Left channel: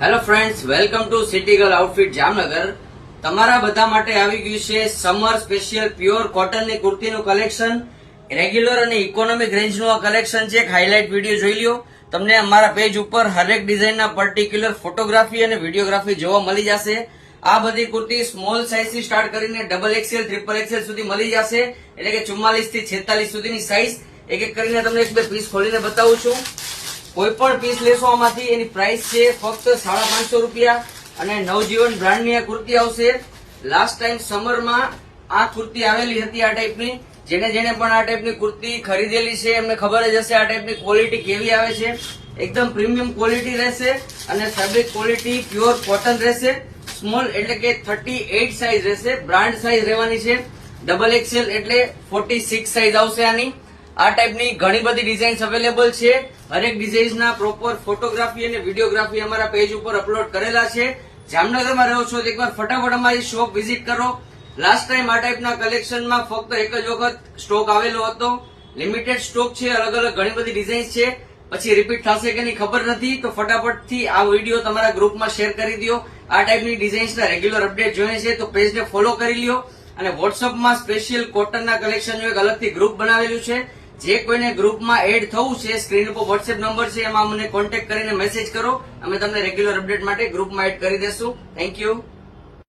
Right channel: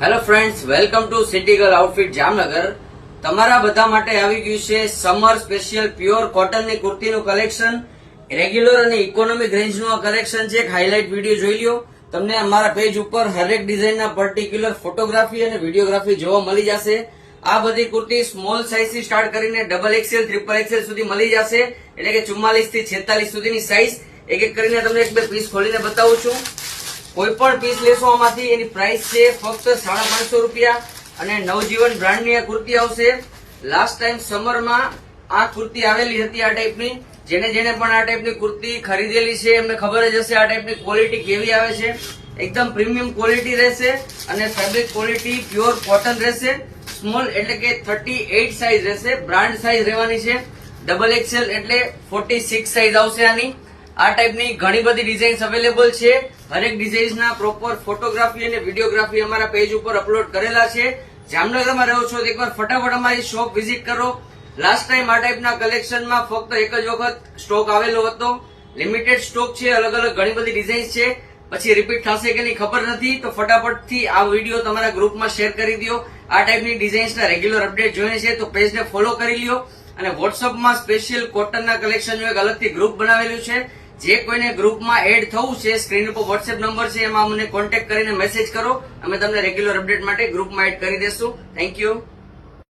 Hello friends, welcome to city girl outfit Jamnagar. તમારા બધા માટે આવી ગયું છે સમર સ્પેશિયલ પ્યોર કોટનની કુર્તીનું કલેક્શન. રેગ્યુલર અને ઇકોનોમિક રેન્જનું આ કલેક્શન છે. એક હાઇલાઇટ વિડીયો જોઈ લ્યો. તમને અમારા પેજ ઉપર હરેક ડિઝાઇનના પર્ટિક્યુલર ફોટોગ્રાફી અને વિડીયોગ્રાફી જોવા મળી જશે. આ બધી કુર્તી સ્મોલ સાઇઝ થી સ્ટાર્ટ કરીને ડબલ એક્સેલ, ટ્રિપલ એક્સેલ સુધી મળી જશે. એટલે કે 44 થી 46 સુધીની સાઇઝ. એક એક કરીને તમને એક બે પીસ ખોલીને બતાવું છું. કોઈ પણ પીસ લેશો આમાંથી એની પ્રાઇસ છે ફક્ત 550 રૂપિયા અને નવજીવન બ્રાન્ડની આ કુર્તી આવશે. લાસ્ટ ટાઈમ સમરમાં આ કુર્તી આવેલી હતી આ ટાઈપની. જેને પણ આ ટાઈપની કુર્તી ખરીદેલી છે એમને ખબર જ હશે આ ટાઈપની ક્વોલિટી કેવી આવે છે. એકદમ પ્રીમિયમ ક્વોલિટી રહેશે અને ફેબ્રિક ક્વોલિટી પ્યોર કોટન રહેશે. સ્મોલ એટલે કે 38 સાઇઝ રહેશે. બ્રાન્ડ સાઇઝ રહેવાની છે. ડબલ એક્સેલ એટલે 46 સાઇઝ આવશે આની. આ ટાઈપની ઘણી બધી ડિઝાઇન્સ અવેલેબલ છે. હરેક ડિઝાઇન્સના પ્રોપર ફોટોગ્રાફી અને વિડીયોગ્રાફી અમારા પેજ ઉપર અપલોડ કરેલા છે. જામનગરમાં રહો છો તો એકવાર ફટાફટ અમારી શોપ વિઝિટ કરો. લાસ્ટ ટાઈમ આ ટાઈપના કલેક્શનમાં ફક્ત એક જ વખત સ્ટોક આવેલો હતો. લિમિટેડ સ્ટોક છે. અલગ અલગ ઘણી બધી ડિઝાઇન્સ છે. પછી રિપીટ થશે કે નહીં ખબર નથી. તો ફટાફટથી આ વિડીયો તમારા ગ્રુપમાં શેર કરી દો. આ ટાઈપની ડિઝાઇન્સના રેગ્યુલર અપડેટ જોઈને છે તો પેજને ફોલો કરી લ્યો. અને વોટ્સઅપમાં સ્પેશિયલ કોટનના કલેક્શનનું એક અલગથી ગ્રુપ બનાવેલું છે. જે કોઈને ગ્રુપમાં એડ થવું છે, સ્ક્રીન ઉપર વોટ્સએપ નંબર છે, એમાં અમને કોન્ટેક્ટ કરીને મેસેજ કરો. અમે તમને રેગ્યુલર અપડેટ માટે ગ્રુપમાં એડ કરી દેશું. Thank you.